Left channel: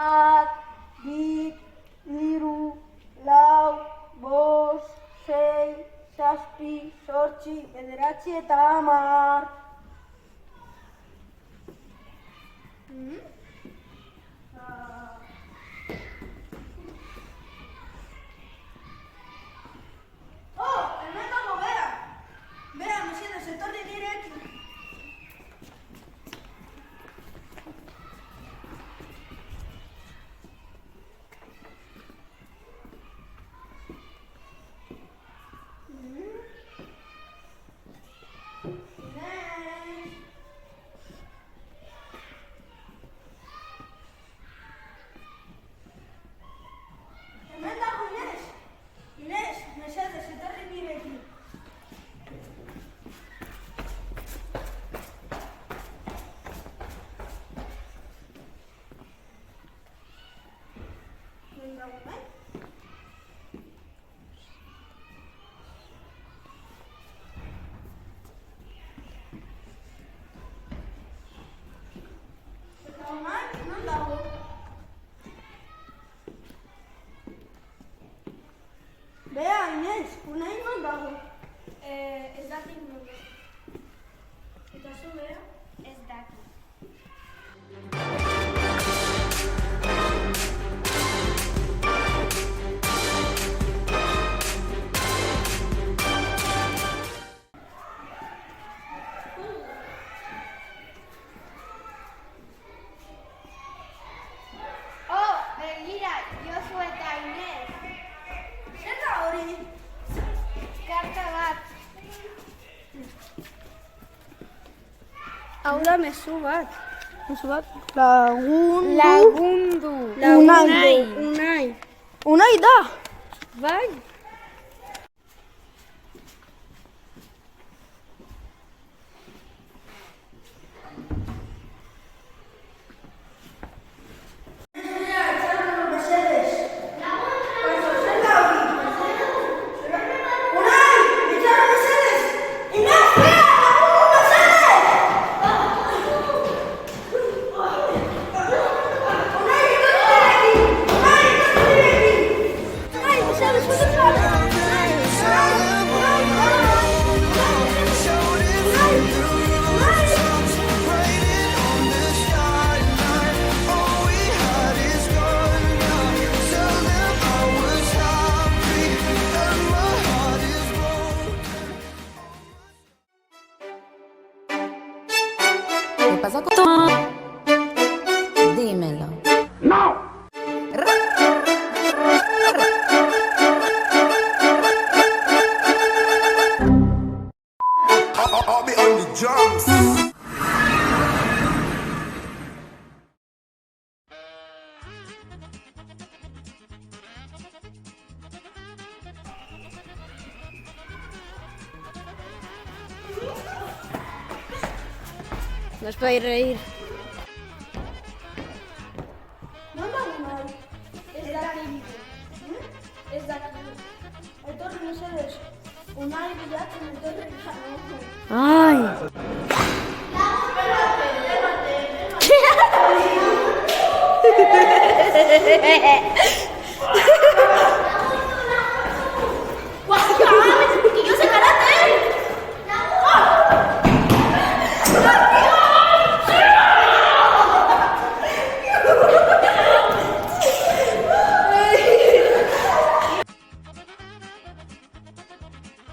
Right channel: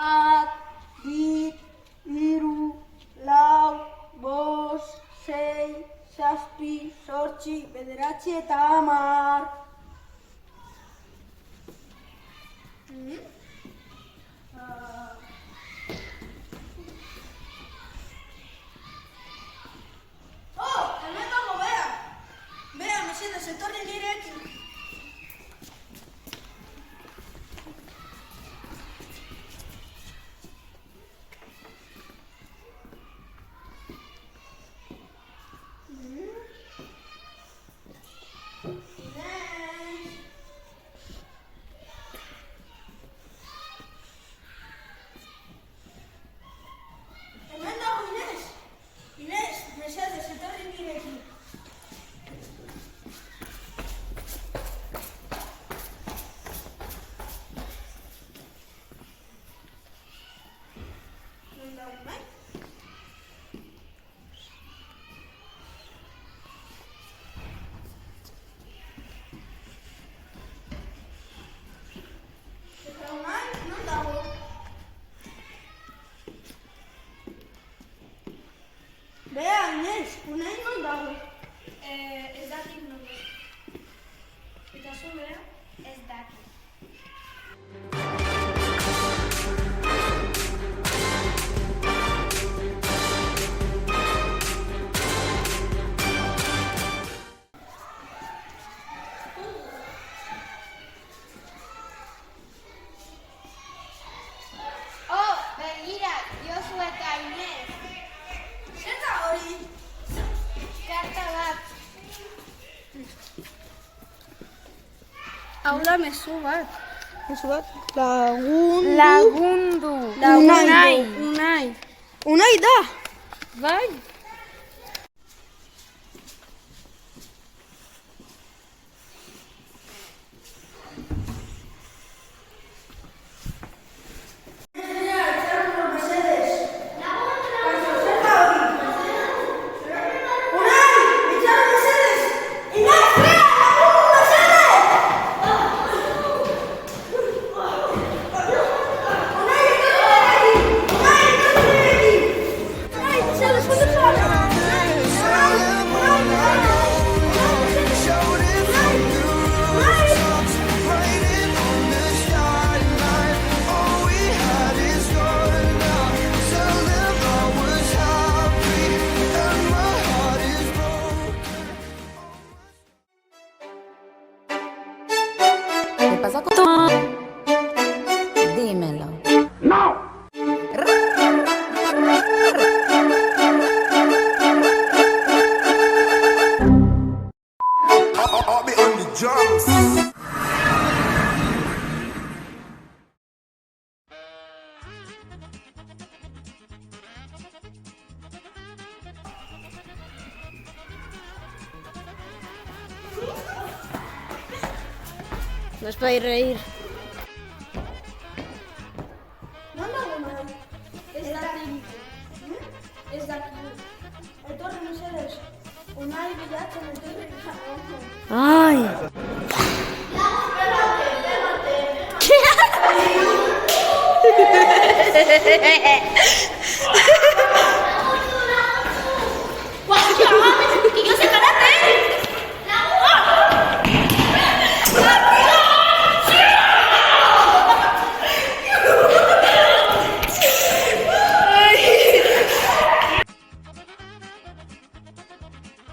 Bat, bi, hiru, lau, bost, sei, zazpi, zortzi, bederatzi eta 10. Hemen dago, bera! Bera, mesedez, etorri nirekin. Bea, Inez, unai non dago? Ez dakit non dago. Eta zu, bera? Ez dakit. Begira, Josu eta Inez. Zer da hori? Karta bat. Hau da mezu bat. Mezu bat? Lagundu. Lagundu. Unai. Unai da. Bai? ¿Qué pasa con tu? Dímelo. ¡No! I'll be on the drums. No os podéis reír. Non dago unai? Ez dakit. Ez dakit. Etorri mesedez. Unai bilatzen etorri izan. Ai! Lemate.